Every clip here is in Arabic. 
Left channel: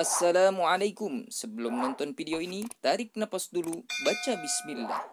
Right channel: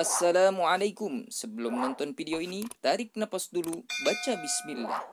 Assalamualaikum. Sebelum nonton video ini, tarik napas dulu, baca bismillah.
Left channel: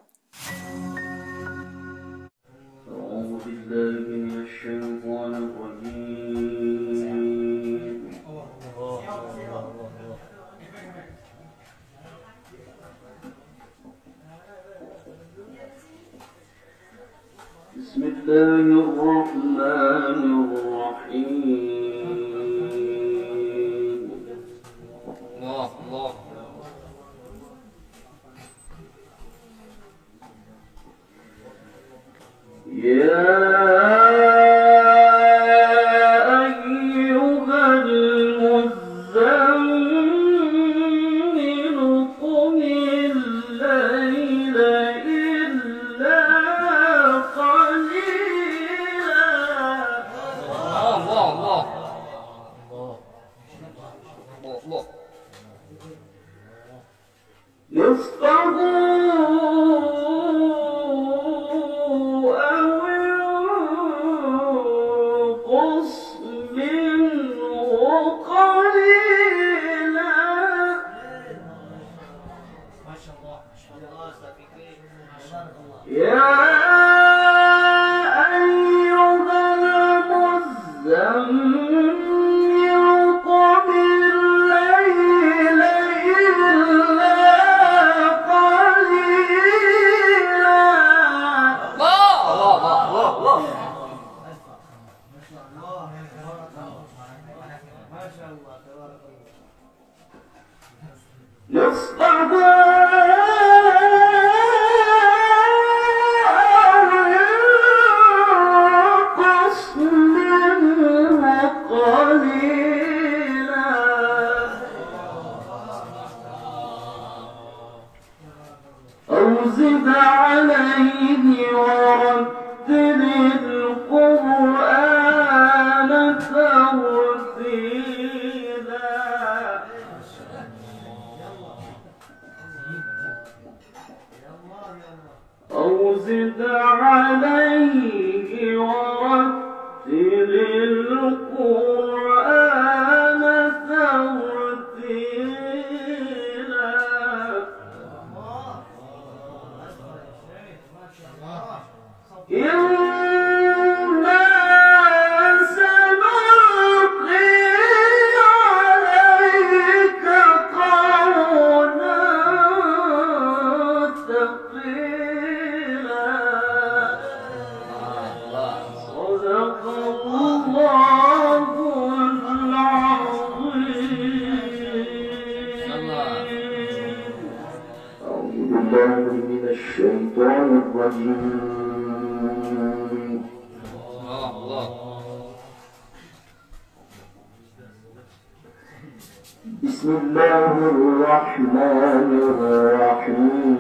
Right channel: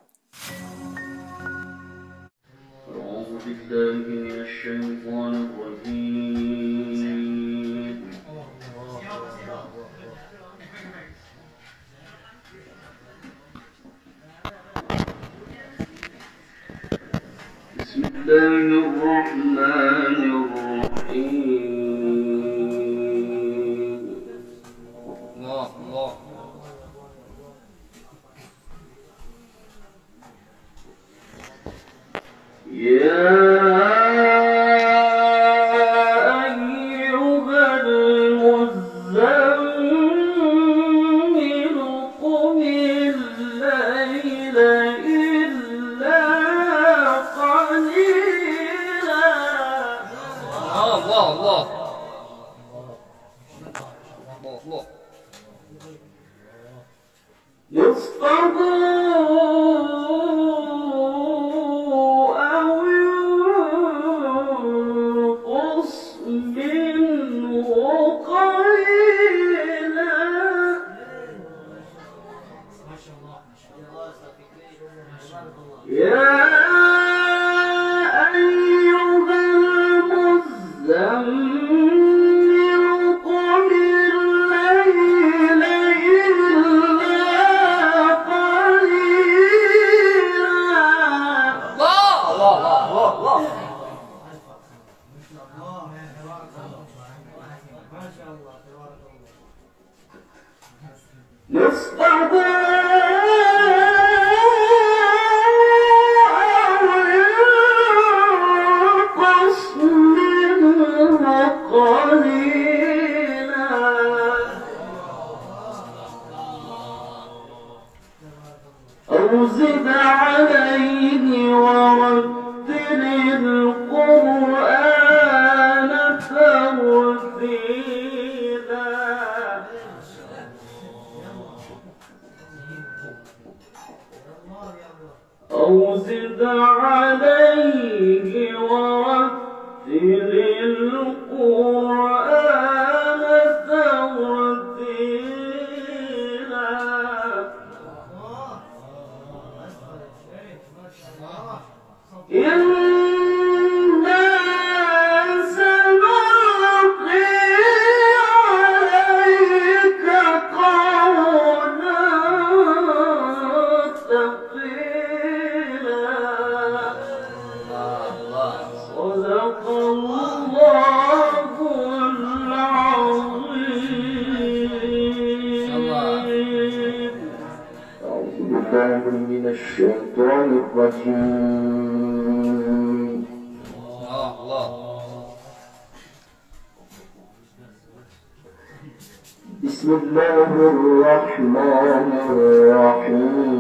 Bismillahirrahmanirrahim.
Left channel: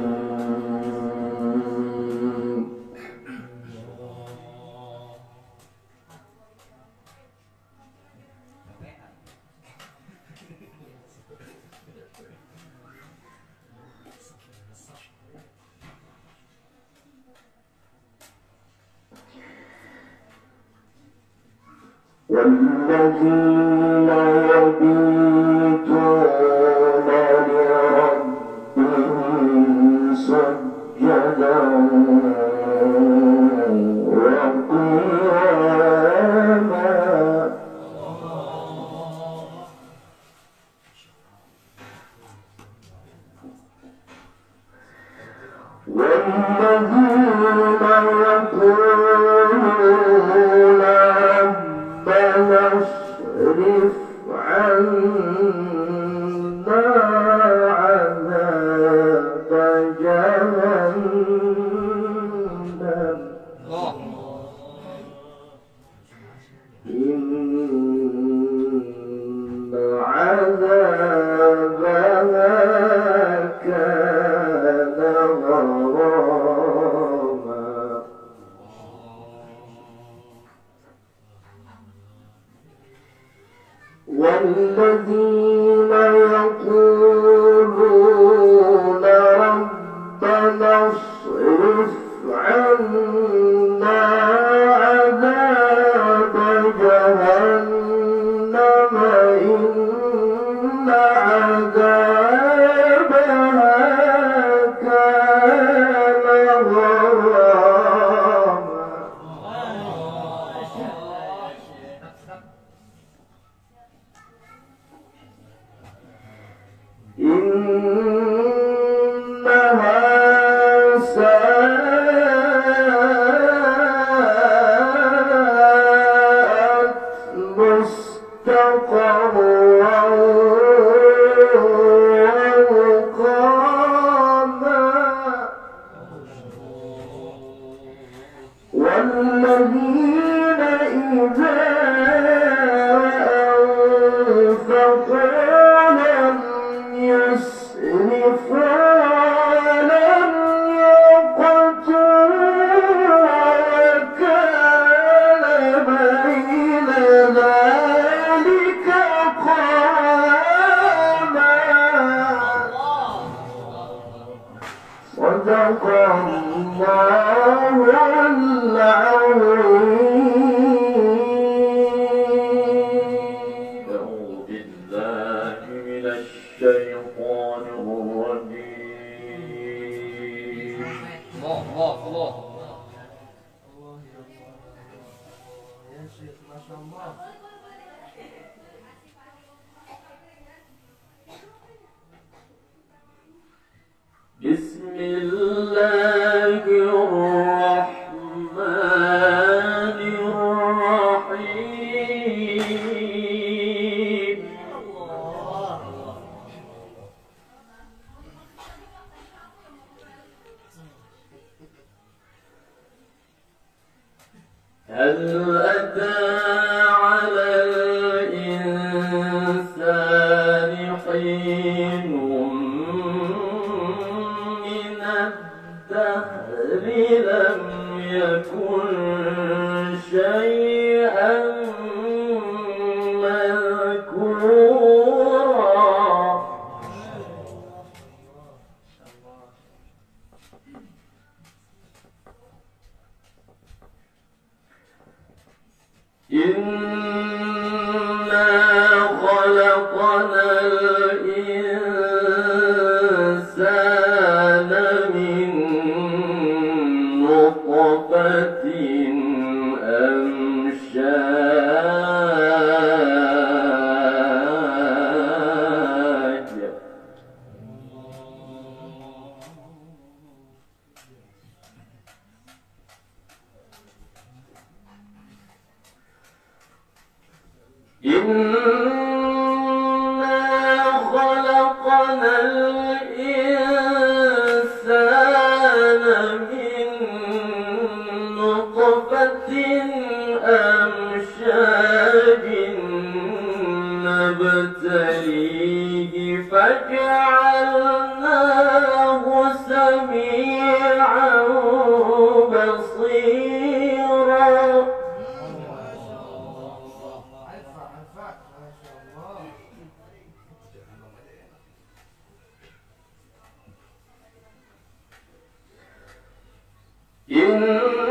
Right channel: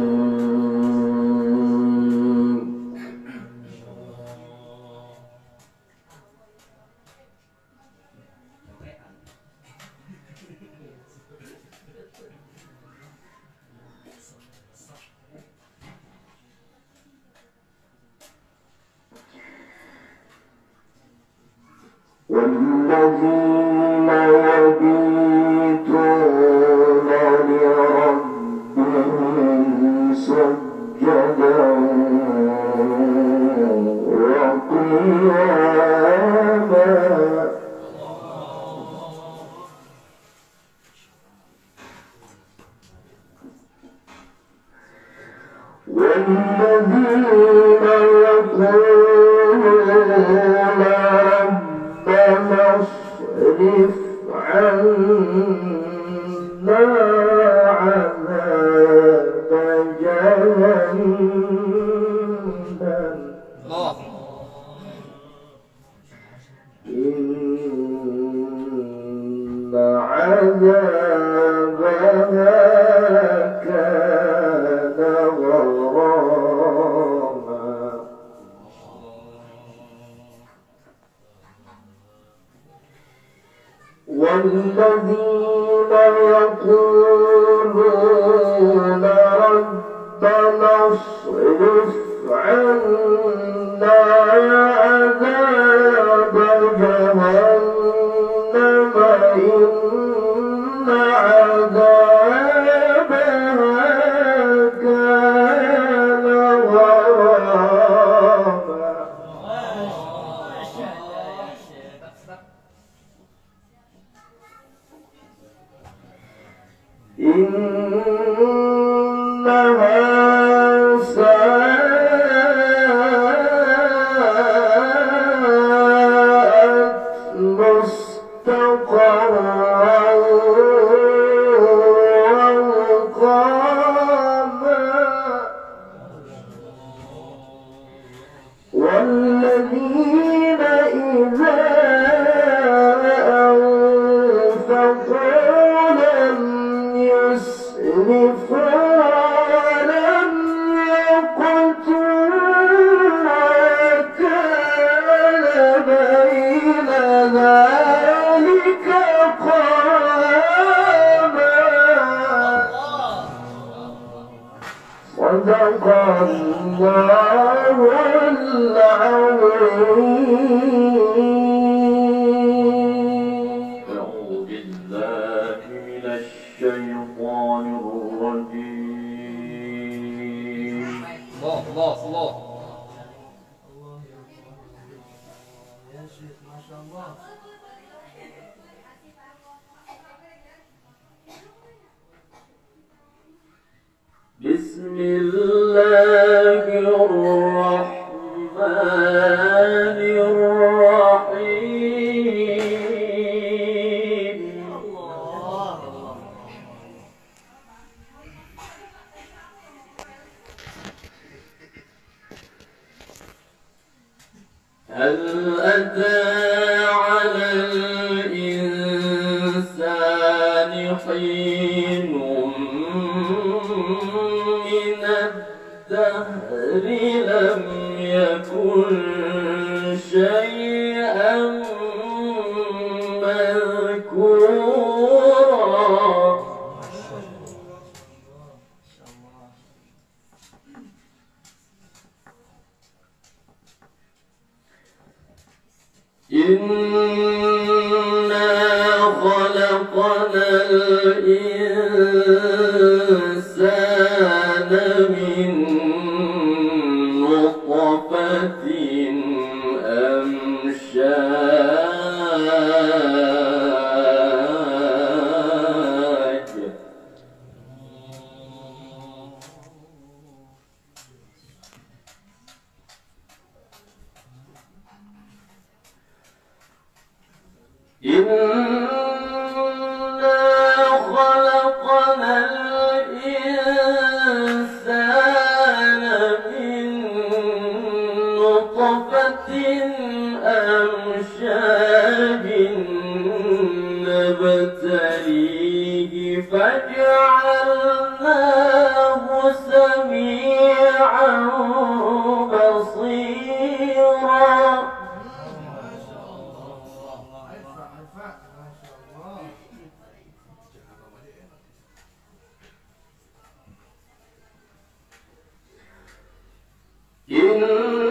والذين يبيتون لربهم سجدا وقياما والذين يقولون ربنا اصرف عنا عذاب جهنم إن عذابها كان غراما والذين يقولون ربنا اصرف عنا عذاب جهنم إن عذابها كان غراما إنها ساءت مستقرا ومقاما والذين إذا أنفقوا لم يسرفوا ولم يقتروا وكان بين ذلك قواما صدق الله العظيم. أعوذ بالله من الشيطان الرجيم. الله بسم الله الرحمن الرحيم. هل أتى على الإنسان حين من الدهر لم يكن شيئا مذكورا. إنا خلقنا الإنسان من نطفة أمشاج إنا خلقنا الإنسان من نطفة أمشاج نبتليه فجعلناه سميعا بصيرا.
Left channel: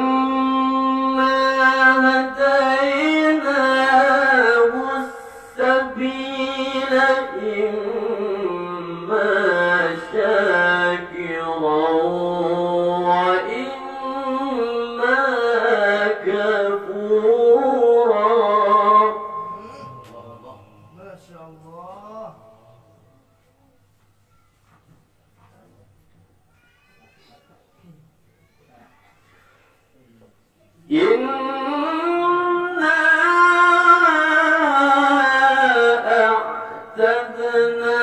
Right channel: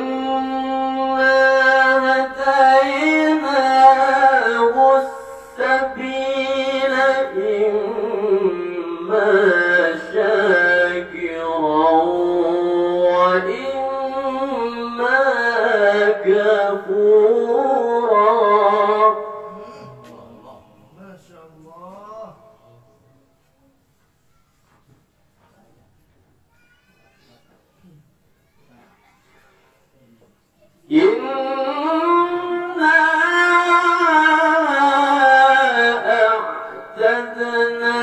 إنا هديناه السبيل إما شاكرا وإما كفورا. ما شاء الله. إنا أعتدنا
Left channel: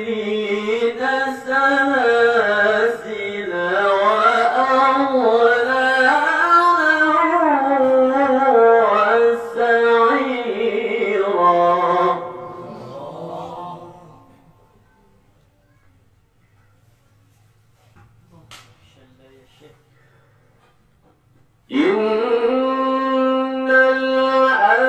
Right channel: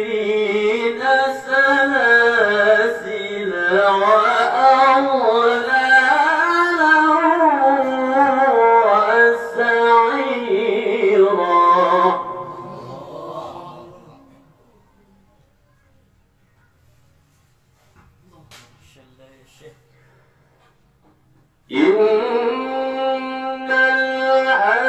للكافرين سلاسل وأغلالا وسعيرا. إن الأبرار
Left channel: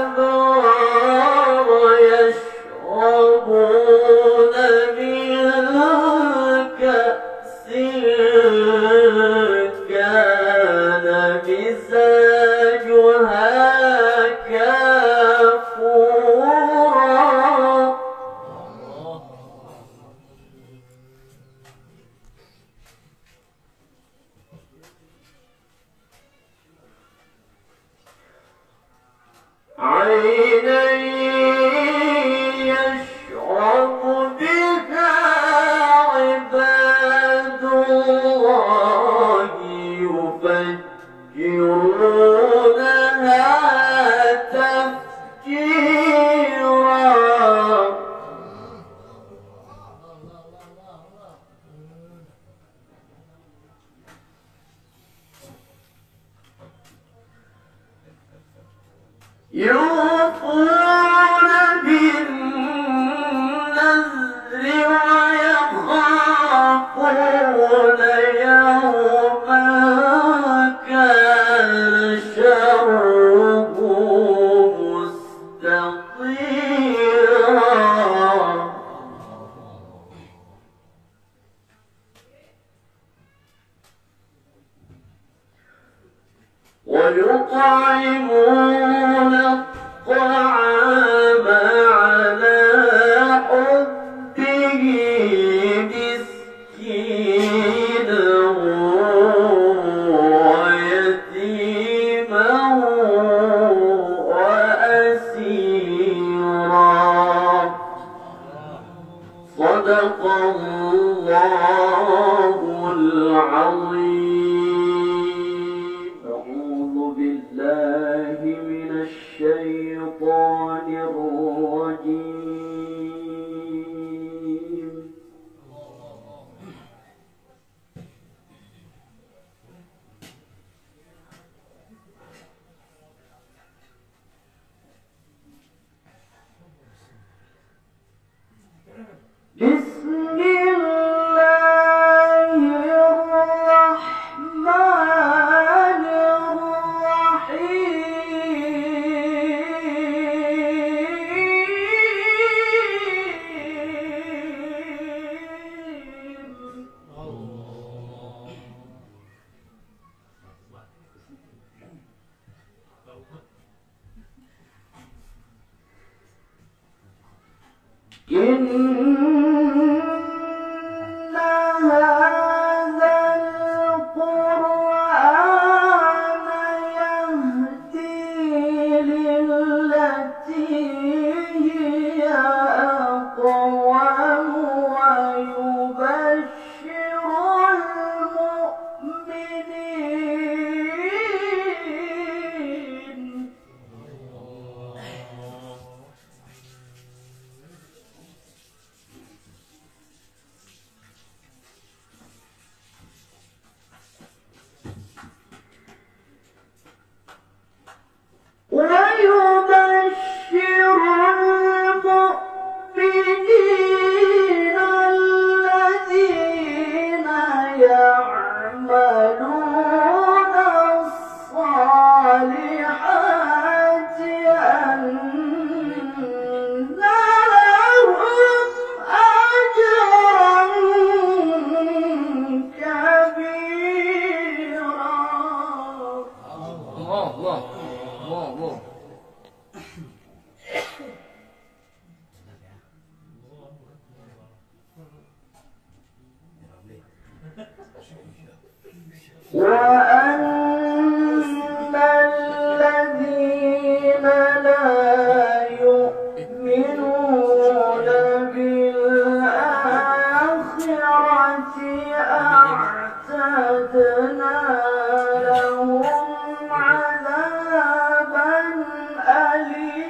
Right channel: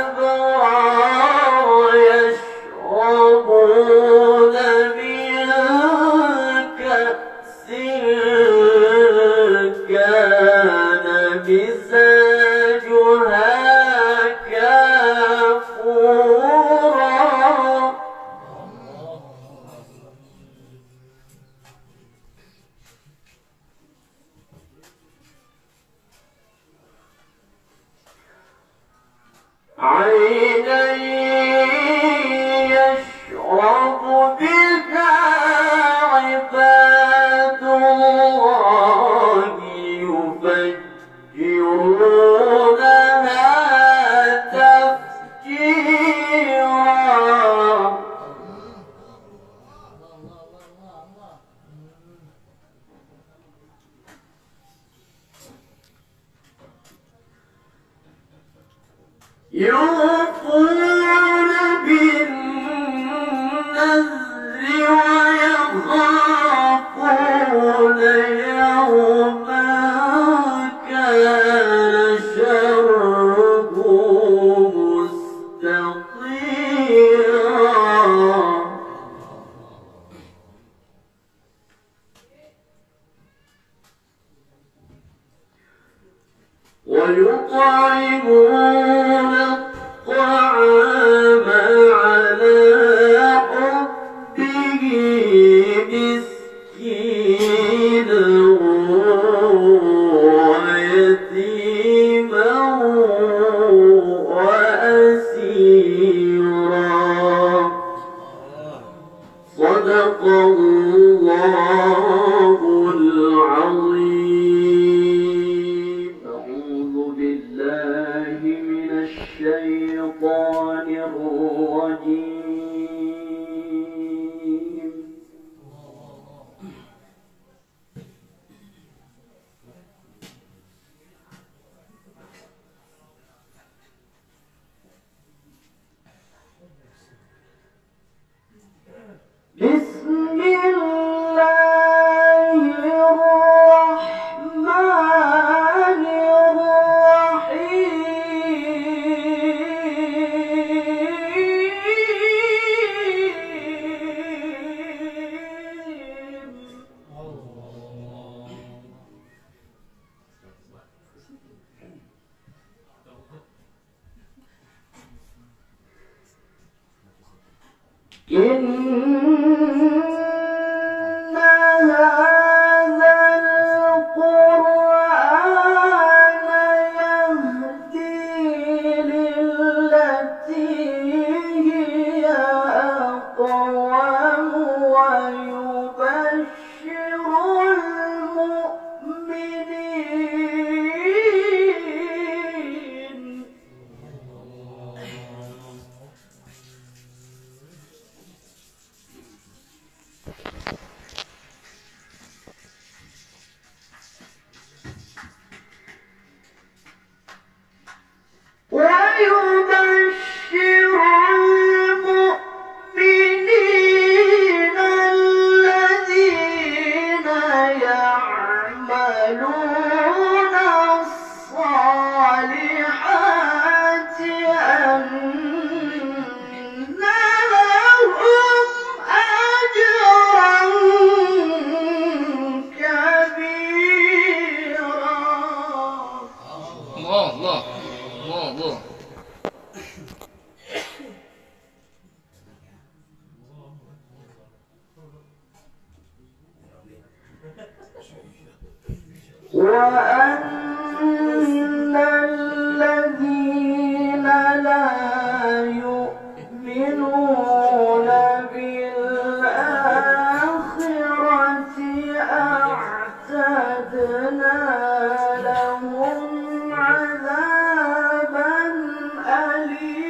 يطعمون الطعام على حبه مسكينا ويتيما وأسيرا. صدق الله العظيم. أعوذ بالله من الشيطان الرجيم. بسم الله الرحمن الرحيم. إن هذا القرآن يهدي للتي هي أقوم ويبشر المؤمنين. ويبشر المؤمنين الذين يعملون الصالحات أن لهم أجرا كبيرا. الله الله الله الله. وأن الذين لا يؤمنون بالآخرة أعتدنا لهم عذابا أليما.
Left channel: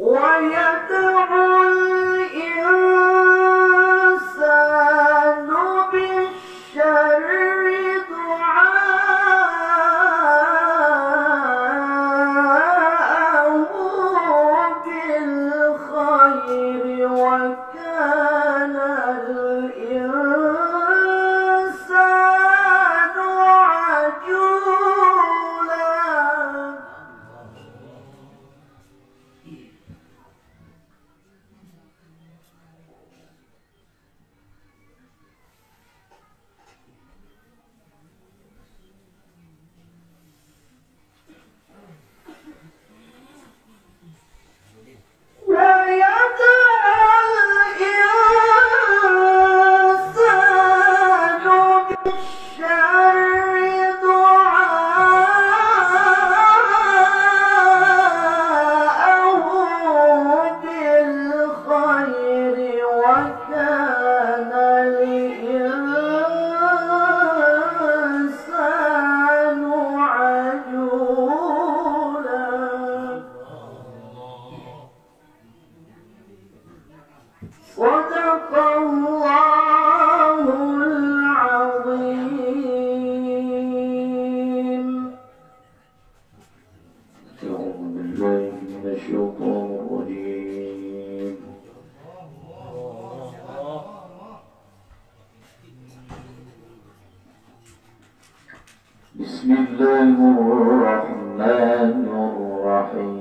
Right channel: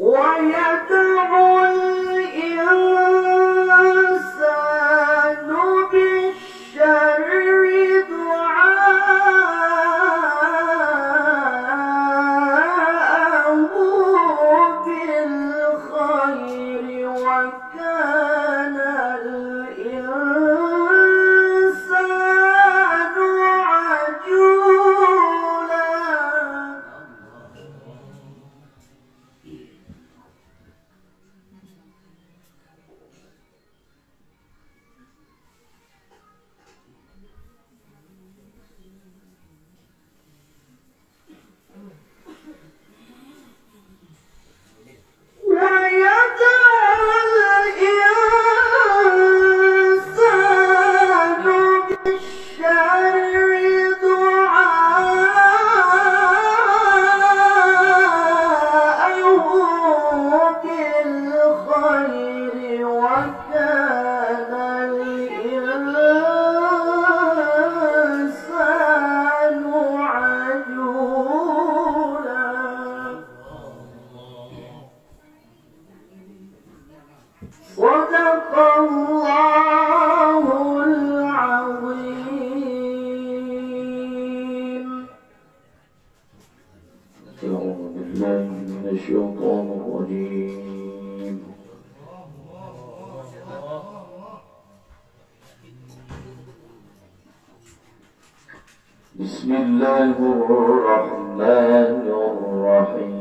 ويدعو الإنسان بالشر دعاءه بالخير وكان الإنسان عجولا. صدق الله العظيم. أعوذ بالله من الشيطان الرجيم. الله الرحمن الرحيم.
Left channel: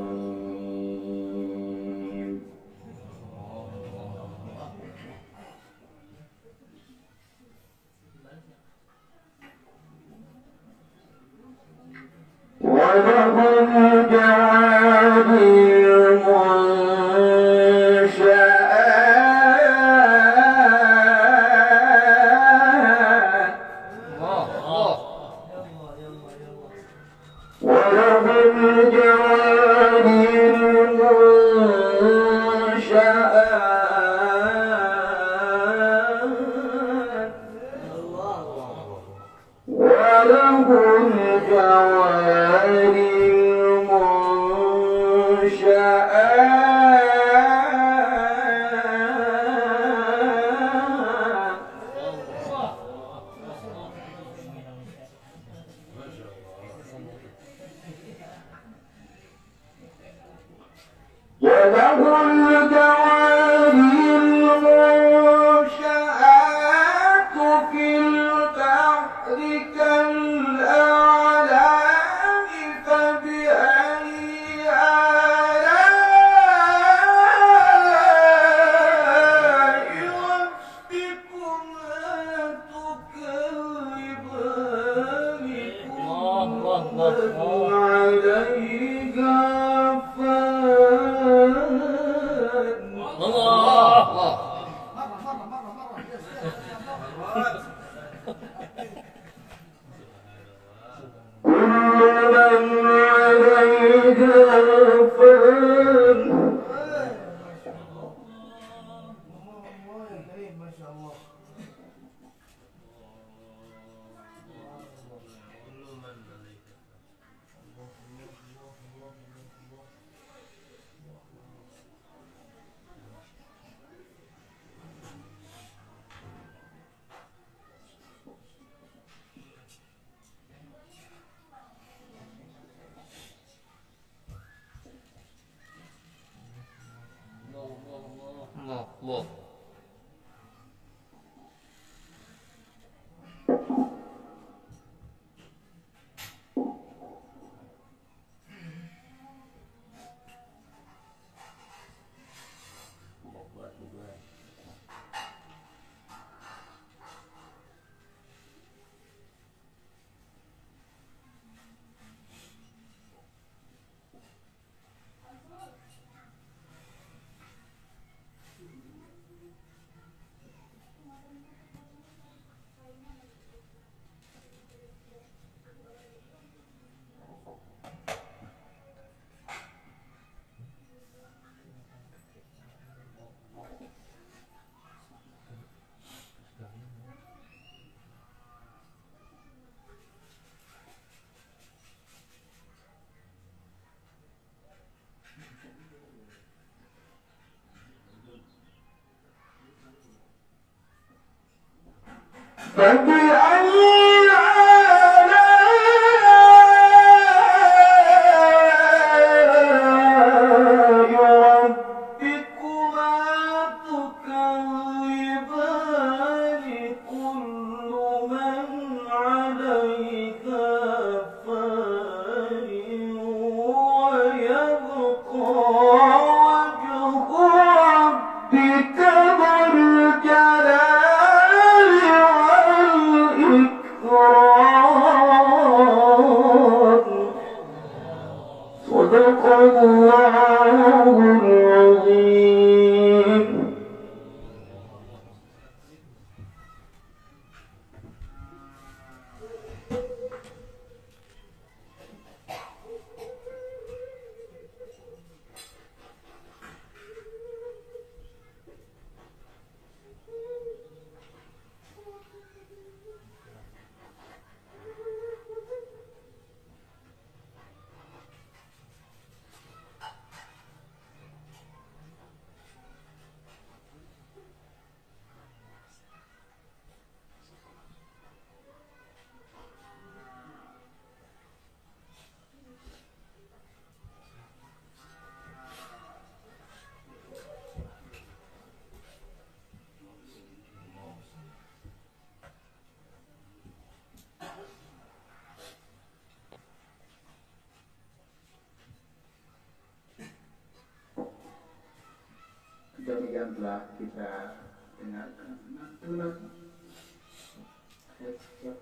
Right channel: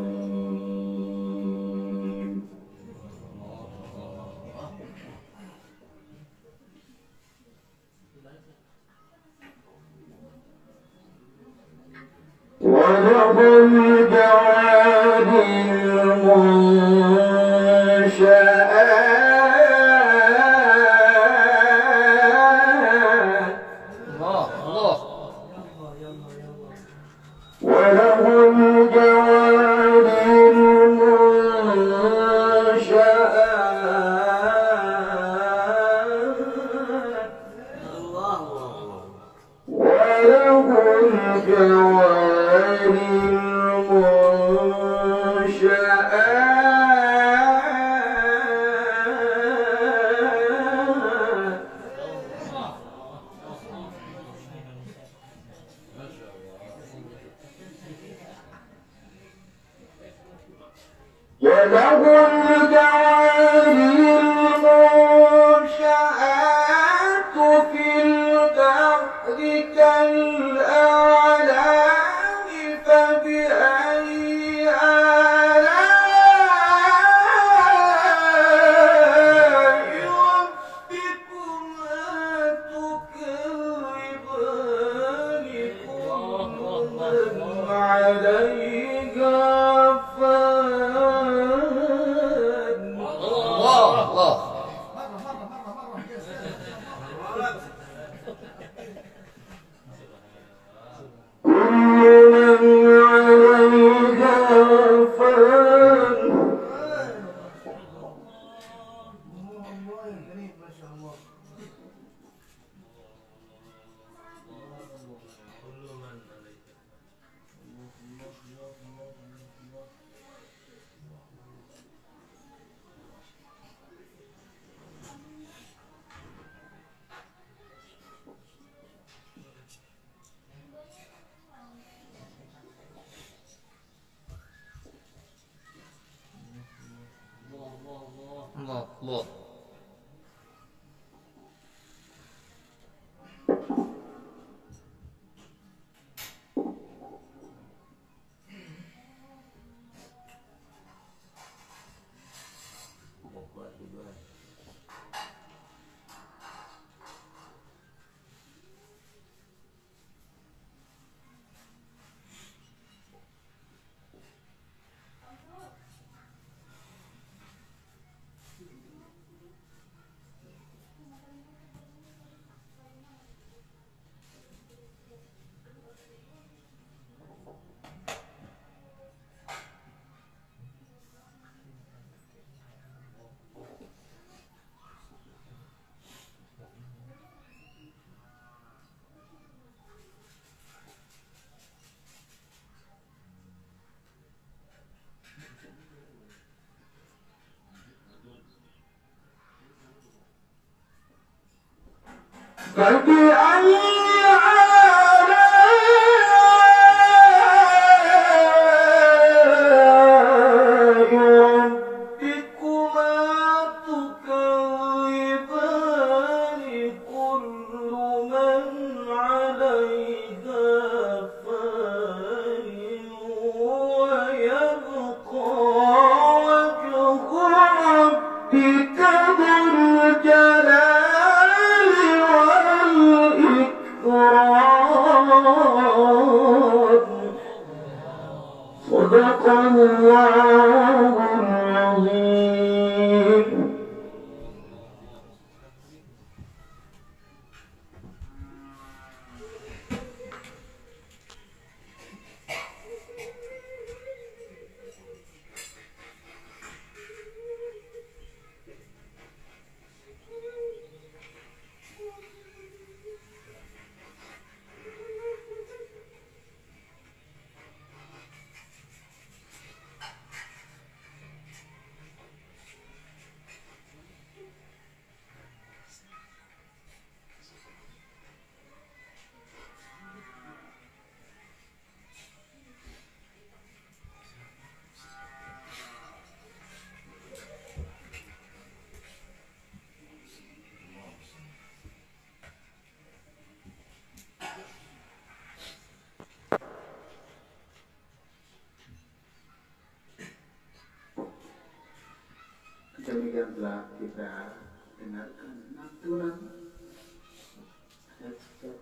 وله الجوار المنشآت وله الجوار المنشآت وله الجوار المنشآت وله الجوار المنشآت في البحر كالأعلام فبأي آلاء ربكما تكذبان كل من عليها كل من عليها فان الله يا كريم ما شاء الله. الله الله. فبأي آلاء ربكما تكذبان كل من عليها فان ويبقى وجه ربك ذو الجلال والإكرام. صدق الله العظيم. demikian telah kita dengarkan lantunan ayat setiap